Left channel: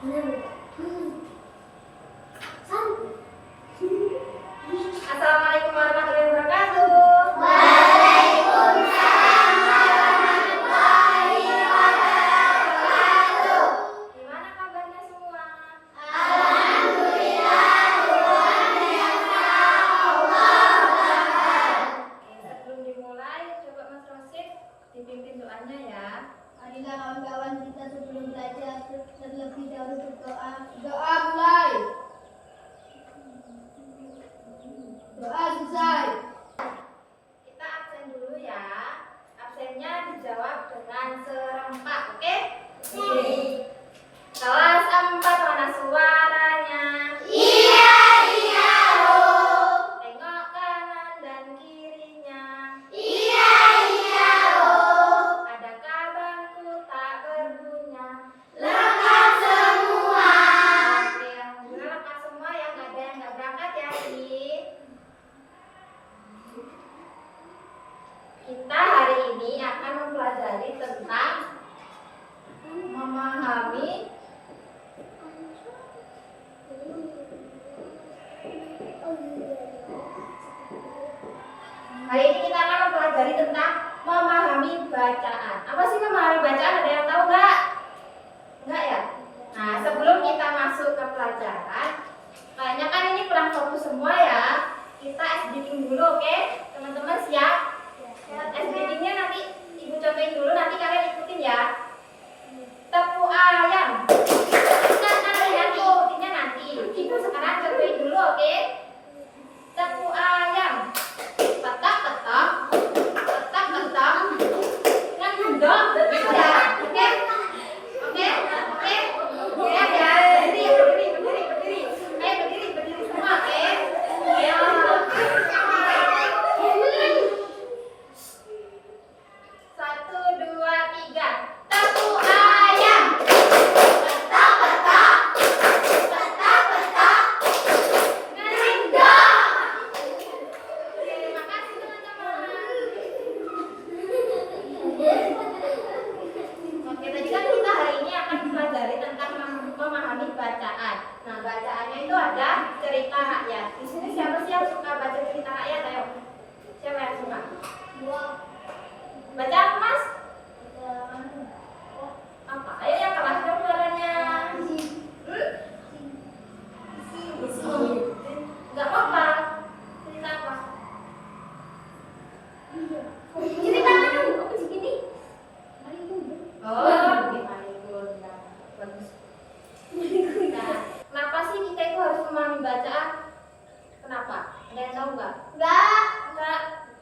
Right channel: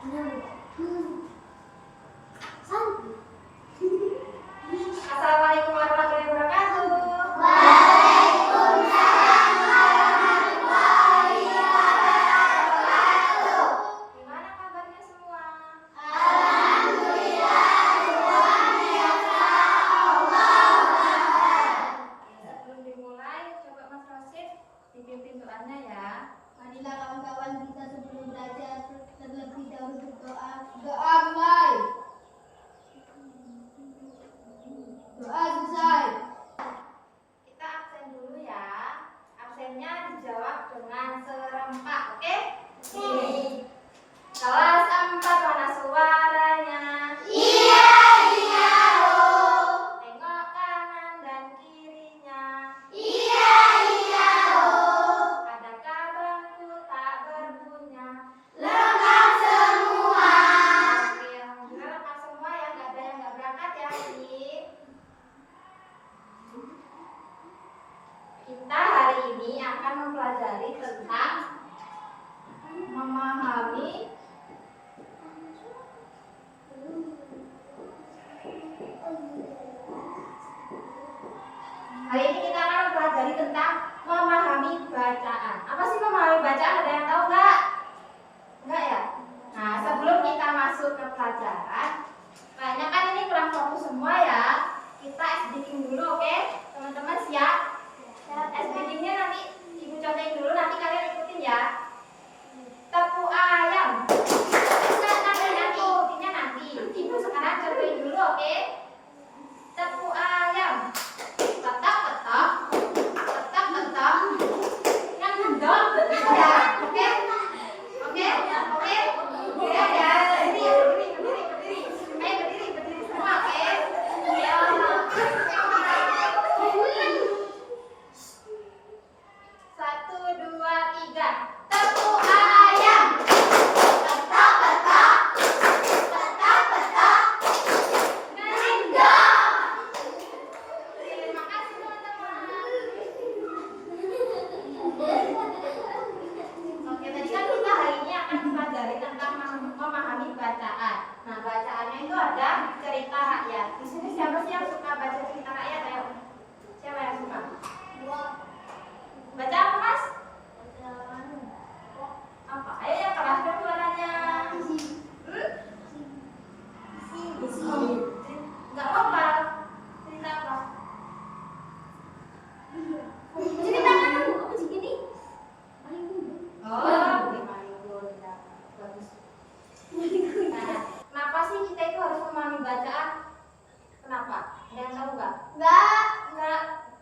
Assalamualaikum warahmatullahi wabarakatuh. Waalaikumsalam warahmatullahi wabarakatuh. Gimana kabarnya semua? Alhamdulillah, Tuhan yang Allah. Sebelum dimulai, coba Mas Rosid dipimpin doanya ya. Marilah kawan-kawan kita sebelum belajar terlebih dahulu berdoa. Doa mulai. Doa selesai. Kita absen dulu ya. Absennya dijawab dengan serempak, oke? Kelas 4 mana suaranya? Iya, iya, loh. Tengok kanan dan kirinya. Iya, iya, loh. Adakah bangku tak berguna? Lengkap semua. Oke, alhamdulillah lengkap semua ya, nggak ada yang nggak berangkat ya, Ki. Kita hari ini akan mempelajari tentang memahami hari ini kita akan mempelajari tentang memahami bacaan. Apa sih memahami bacaan? Ada yang tahu nggak? Nggak ya? Nah, sebelum kita masuk ke pelajaran, kayaknya kan ini kurang fokus semua ya. Kita SDing dulu, oke? Teman-teman siap? SDing-nya nanti Ibu cobain dulu, nanti kalian ikutin ya. Tepung ayam. Nanti ikutinnya nanti. Ibu sekarang cobain dulu, oke? Tepung ayam. Petak-petak. Petak-petak. Yang mendong. Gitu ya, oke? Oke? Oke? Ya, ya. Berdiri. Ayo berdiri semua, oke? Ya. Satu, dua, tiga. Tepung ayam. Petak-petak. Petak-petak. Ngendong. Terima kasih teman-teman. Oke, tadi kan kita hari ini akan mempelajari tentang memahami bacaan. Nah, bacaannya itu ada cerita rakyat. Di sini siapa sih yang suka baca cerita rakyat? Ayo. Siapa yang suka? Baca apa, Mas? Apa? Ayo yang keras dong suaranya. Enggak apa-apa. Cerita apa? Cerita apa? Aku segini. Oh, gimana? Bagus. Nah, kenapa sih kita itu harus memahami bacaan? Kenapa? Ada yang tahu nggak? Enggak.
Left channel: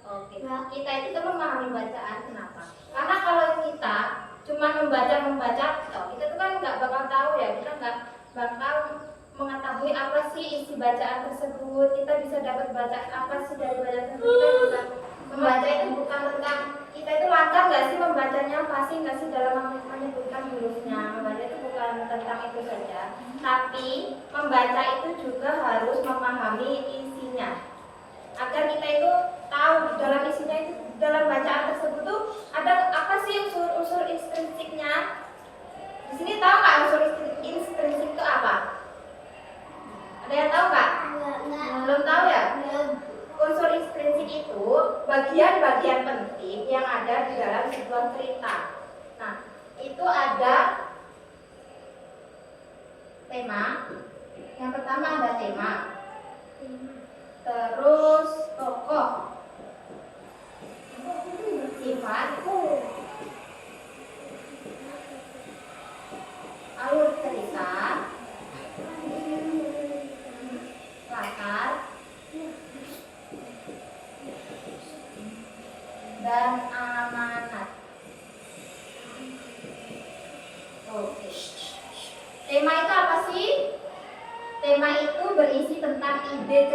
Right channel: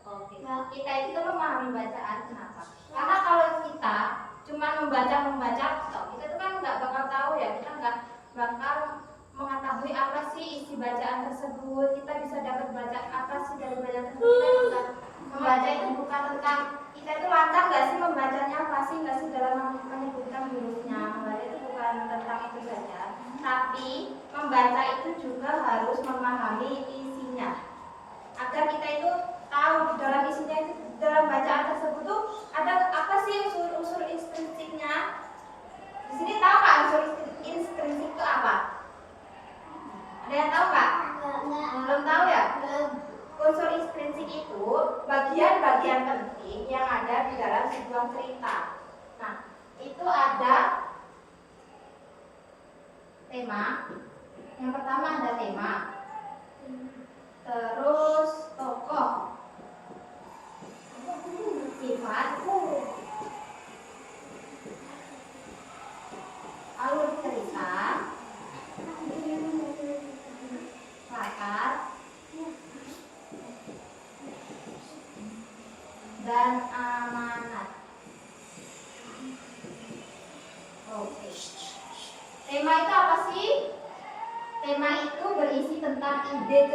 Oke. Kita itu tuh memahami bacaan. Kenapa? Karena kalau kita cuma membaca, kita tuh kan nggak bakal tahu ya. Kita nggak bakal mengetahui apa sih isi bacaan tersebut. Kita bisa dapat baca apa sih dari bacaan tersebut. Kita bukan membaca itu bukan tentang kita itu lancar nggak sih membacanya, fasih nggak sih dalam menyebutkan hurufnya. Membaca itu bukan tentang itu saja, tapi membaca itu juga harus memahami isinya agar kita itu tahu di dalam isinya itu, dalam bacaan tersebut tuh ada apa sih unsur-unsur intrinsiknya. Di sini tahu nggak unsur intrinsik itu apa? Ada yang tahu nggak? Belum tahu ya? Unsur intrinsik itu bagian-bagian penting yang ada di dalam sebuah cerita. Nah, itu ada tema. Yang pertama ada tema. Terus tokoh, sifat, alur cerita, latar, dan amanat. Oke. Tema itu apa sih? Tema itu berisi tentang ide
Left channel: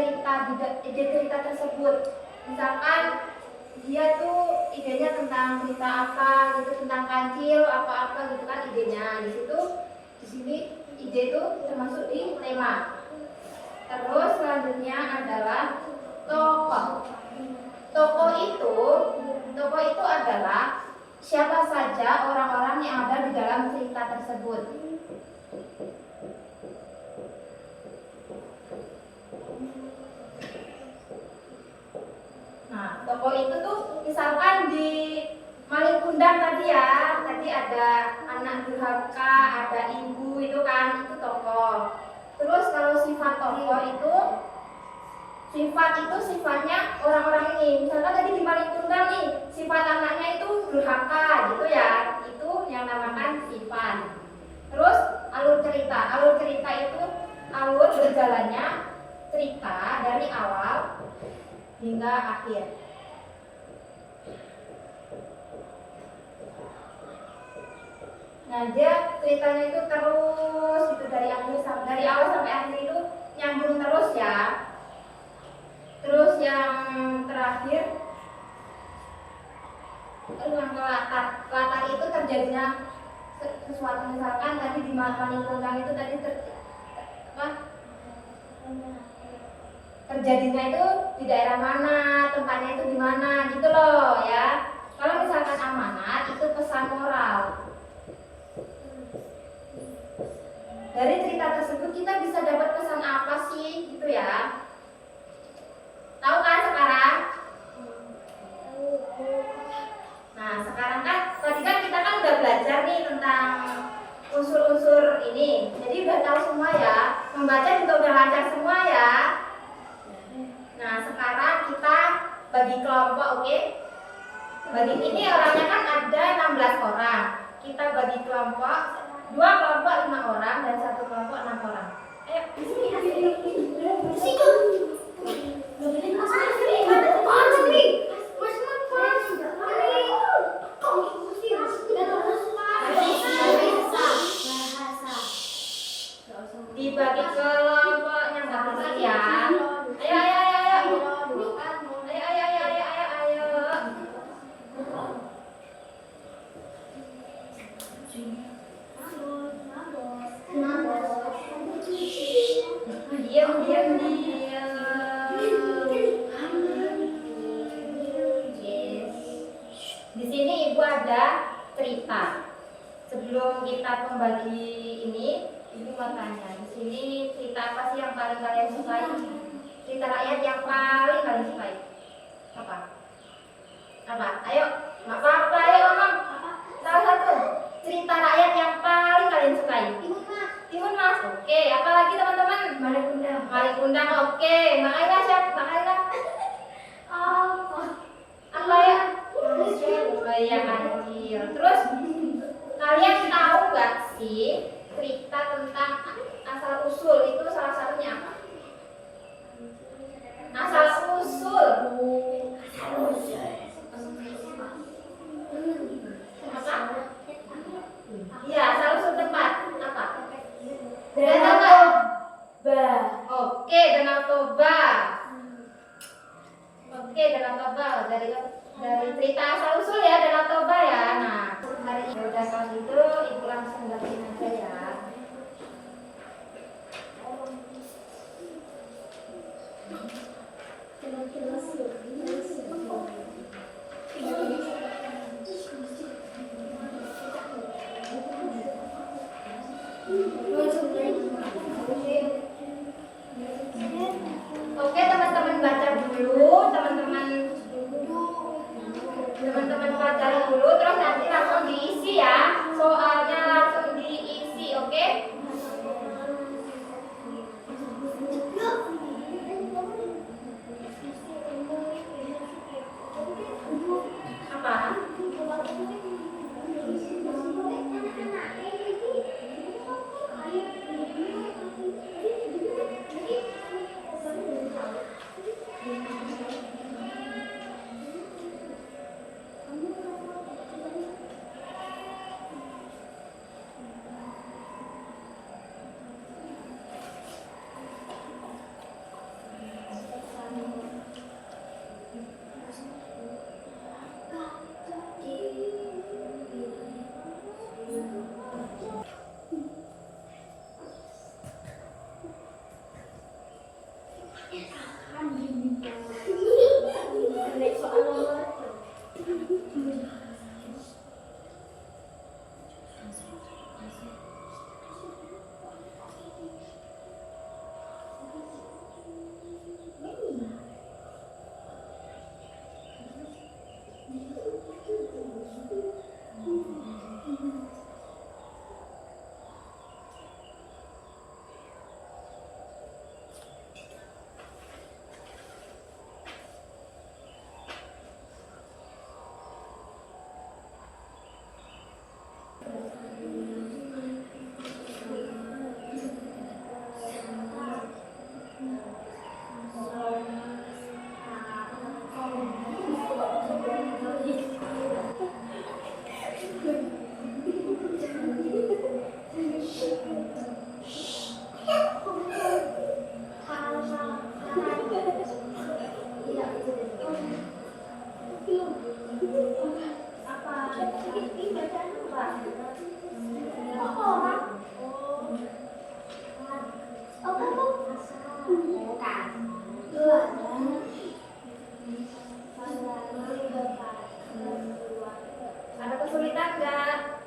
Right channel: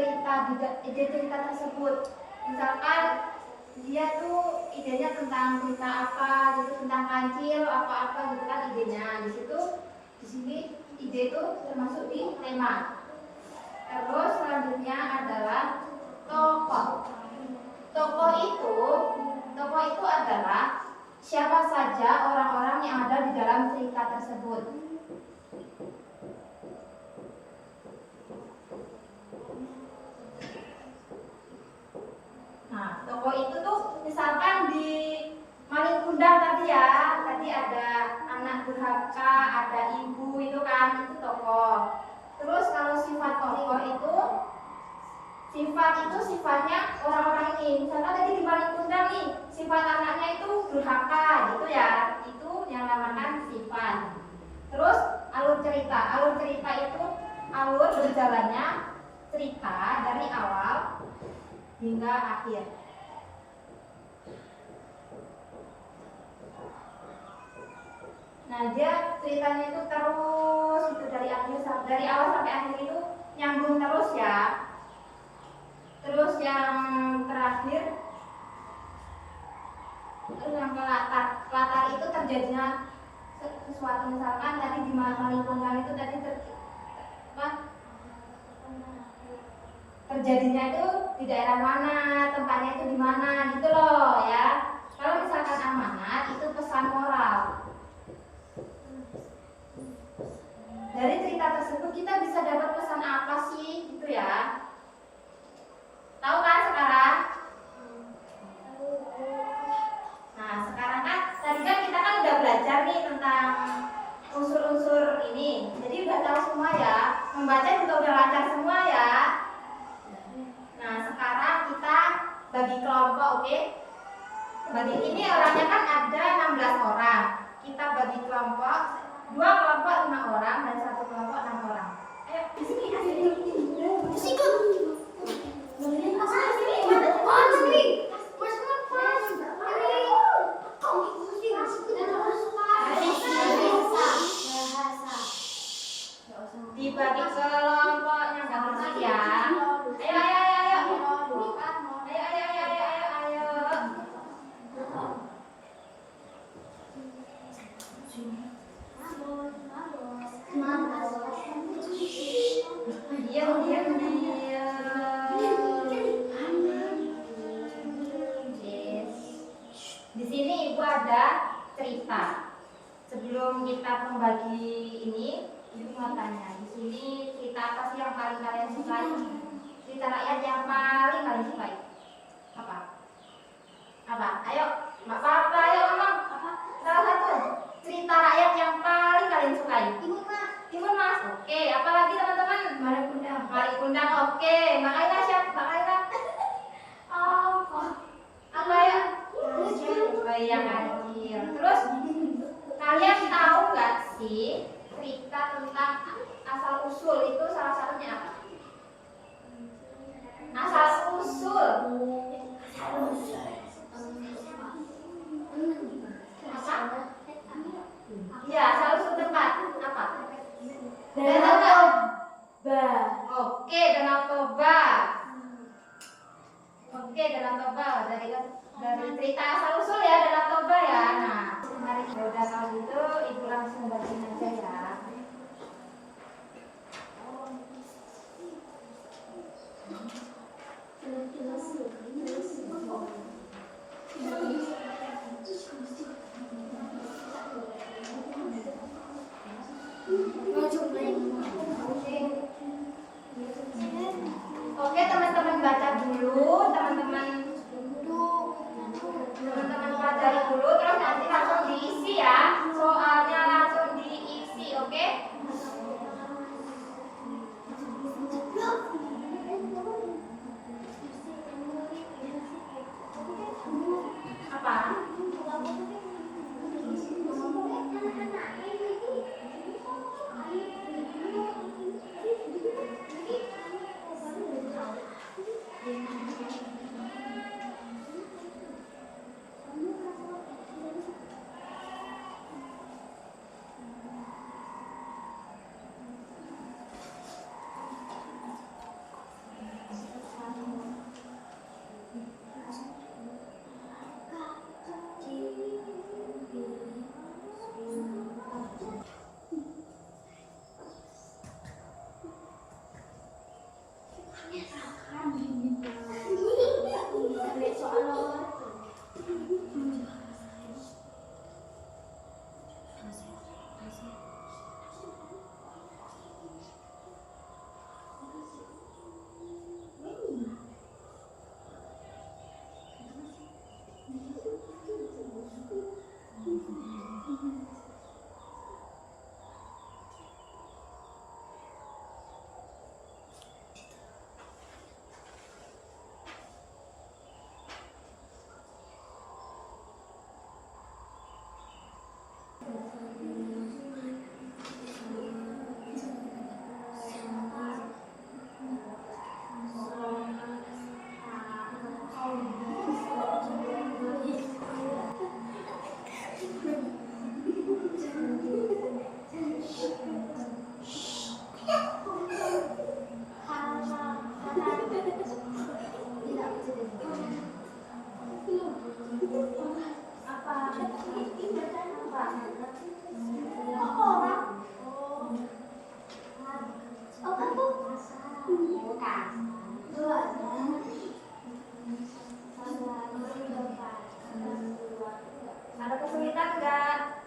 cerita tersebut. Misalkan dia tuh idenya tentang cerita apa gitu, tentang kancil apa-apa gitu kan idenya. Di sini ide itu termasuk di tema. Terus selanjutnya adalah tokoh. Tokoh itu adalah siapa saja orang-orang yang ada di dalam cerita tersebut. Nah, tokoh itu tuh misalkan di Malikundang tadi ya, tadi ada anak durhaka, ada ibu itu kan, itu tokoh. Terus kalau sifat tokoh itu sifatnya orang-orang ini. Misalkan tadi di Malikundang nih, sifat anaknya itu durhaka gitu ya, itu yang namakan sifat. Terus alur cerita itu alur berjalannya cerita dari awal hingga akhir. Nah, dia ceritanya itu terus itu dari awal sampai akhir itu nyambung terus ya. Terus yang terakhir yang latar itu terjadinya sesuatu, misalkan tadi di Malikundang itu tadi terjadinya itu di daerah mana, tempatnya itu di mana gitu loh ya. Kalau misalkan amanat itu pesan moral. Dari cerita tersebut kita bisa dapat pesan apa sih gitu ya? Tahu kan sekarang? Nah, sekarang kan tadi kan kita kan udah belajar nih tentang unsur-unsur ini. Jadi udah tahu semua ya. Membaca juga udah lancar semua ya. Nah, sekarang kita bagi kelompok, oke? Bagi ini orangnya kan ada 16 orang. Kita bagi kelompok, 2 kelompok 5 orang dan 1 kelompok 6 orang. Ayo, di sini dibagi kelompoknya nggak bersih ya. Diam. Di sini ibu ada cerita. Sebelum kita membagi ini, ibu mau tanya. Di sini cerita apa sih yang paling kalian sukai? Cerita rakyat yang paling kalian sukai? Apa? Ayo, nggak apa-apa, ayo ngomong. Salah satu cerita rakyat yang paling kalian sukai. Timun Mas. Oke, apalagi teman-teman? Malikundang. Oke, Makaila siapa? Makaila. Apa ya? Oh iya, Kancil. Terus kalian tahu nggak sih cerita tentang asal usul itu salah satunya apa? Asal usul. Apa? Iya, asal usul tempat apa? Danau Toba. Oke, Danau Toba. Oke, Danau Toba dari cerita asal usul ya, Danau Toba ya. Nah, hari ini udah kalau gitu ibu langsung bagiin aja ya. Oke, teman-teman baca dulu, teman-teman pelajari dulu, terus nanti langsung diisi ya, soalnya langsung diisi, oke? Apa? Ada kesulitan nggak?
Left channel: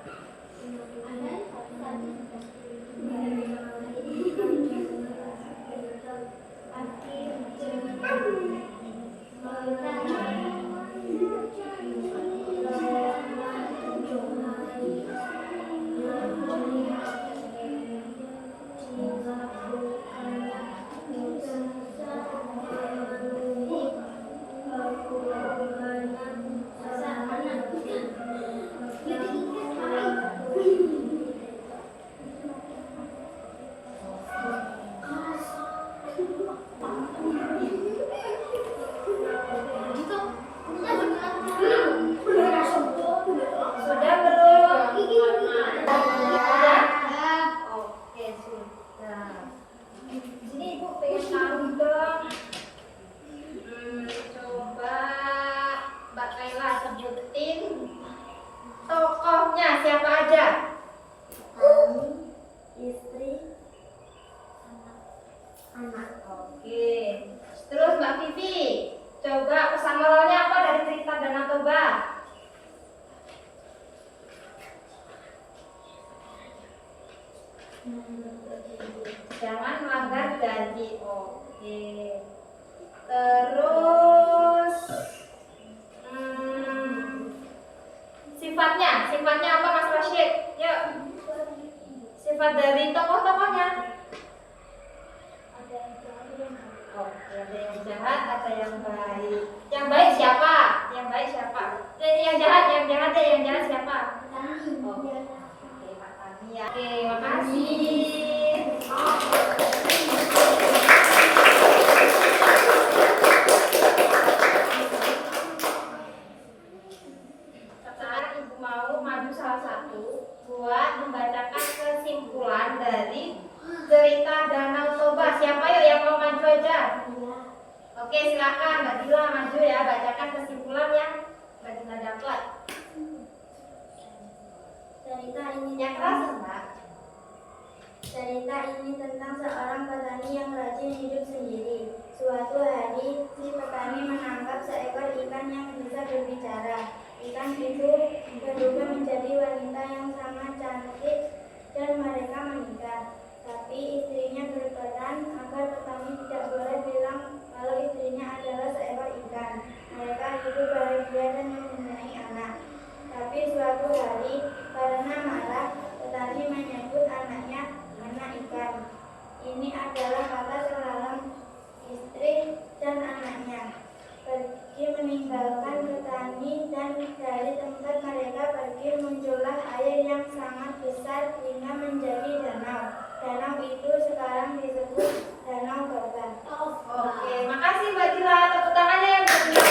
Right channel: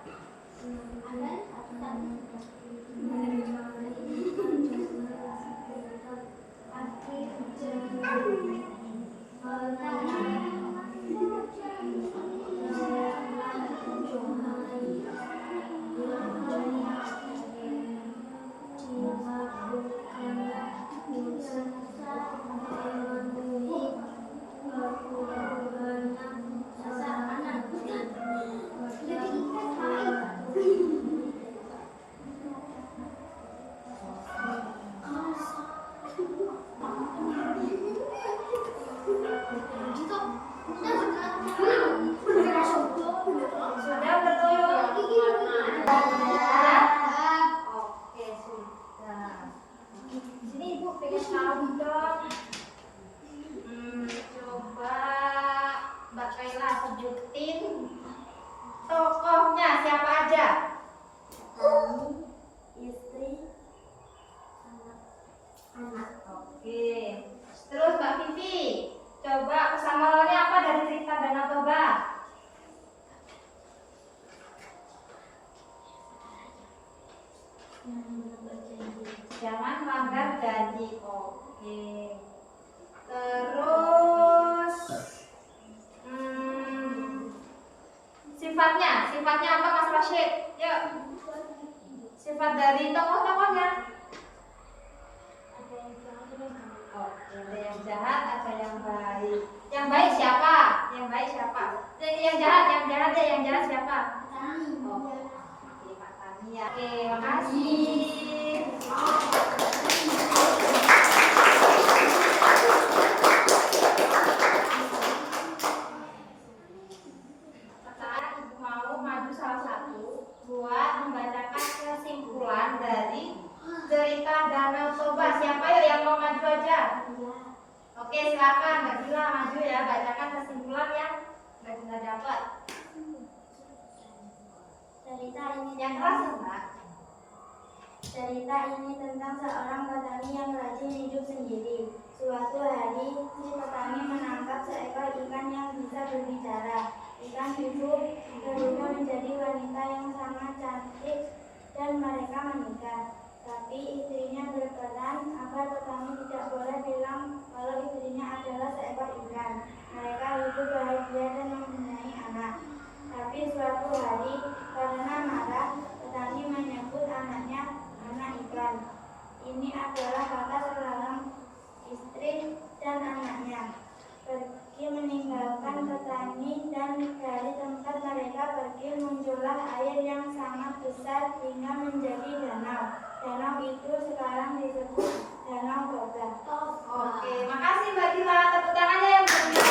Sudah belum? Sudah? Oke, sudah. Sini Ibu pengen tahu dong. Coba Mbak Kaila sebutin tokohnya siapa aja? Istri, Anak. Oke. Terus Mbak Vivi, coba pesan moralnya apa dari cerita Danau Toba? Jangan melanggar janji. Oke. Terus sifatnya apa Mas Rashid? Yuk. Sifat dari tokoh-tokohnya. Oke, ada yang jahat, ada yang baik. Yang baik siapa? Yang baik siapa? Yang jahat siapa? Oke, Pak Tani ya. Oke, makasih. Sekarang Ibu mau maju salah satu buat membacakan kesimpulan dari cerita Danau Toba. Siapa yuk yang mau maju aja? Oke, silakan Mbak Dila maju ya, bacakan kesimpulan yang Mbak Dila dapat. cerita ini Yang keras Mbak. Cerita ini tentang seorang petani yang rajin hidup sendiri. Suatu hari, si petani menangkap seekor ikan yang bisa berbicara. Ikan itu berubah menjadi wanita yang sangat cantik dan mereka menikah. Tapi istrinya berperan agar petani tidak boleh bilang kalau istrinya adalah seekor ikan. Mereka hidup bahagia dan mempunyai anak. Tapi suatu hari, karena marah, petani menyebut anaknya anak ikan. Ini adalah kata terlarang istri dan anaknya. Pergi meninggalkan petani dan dari tempat mereka pergi muncullah air yang sangat besar hingga menjadi danau. Danau itu sekarang disebut Danau Toba. Oke, makasih Mbak Dila. Tepuk tangannya yang meriah.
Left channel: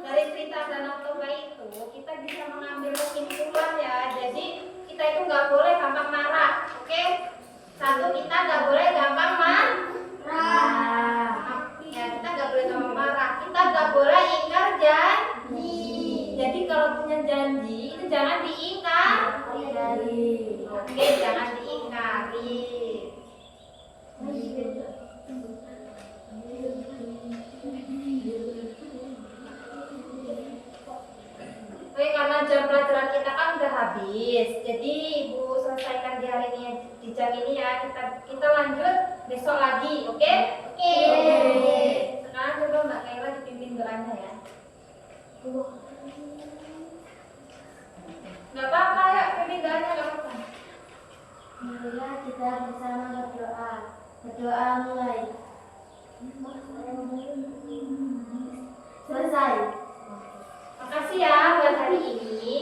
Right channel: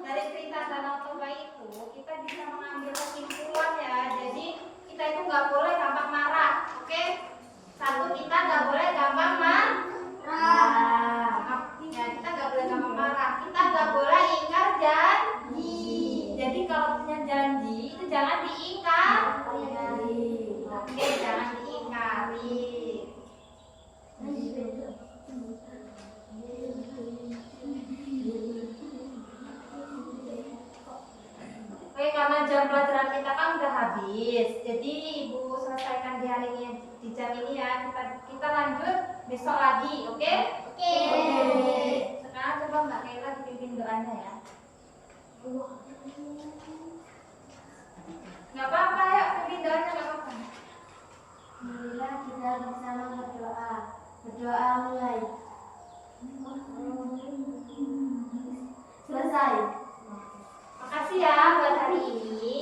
Dari cerita Danau Toba itu kita bisa mengambil kesimpulan ya. Jadi kita itu nggak boleh gampang marah, oke? Satu, kita nggak boleh gampang marah. Ya, kita nggak boleh gampang marah. Kita nggak boleh ingkar janji. Jadi kalau punya janji itu jangan diingkari. Oke, jangan diingkari. Oke, karena jam pelajaran kita kan udah habis, jadi Ibu selesaikan di hari ini di jam ini ya. Kita lanjut besok lagi, oke? Oke. Sekarang coba Mbak Kaila dipimpin doanya ya. Nggak apa-apa ya, pimpin doanya nggak apa-apa. Marilah kita bersama berdoa. Berdoa mulai. Selesai. Makasih ya buat hari ini.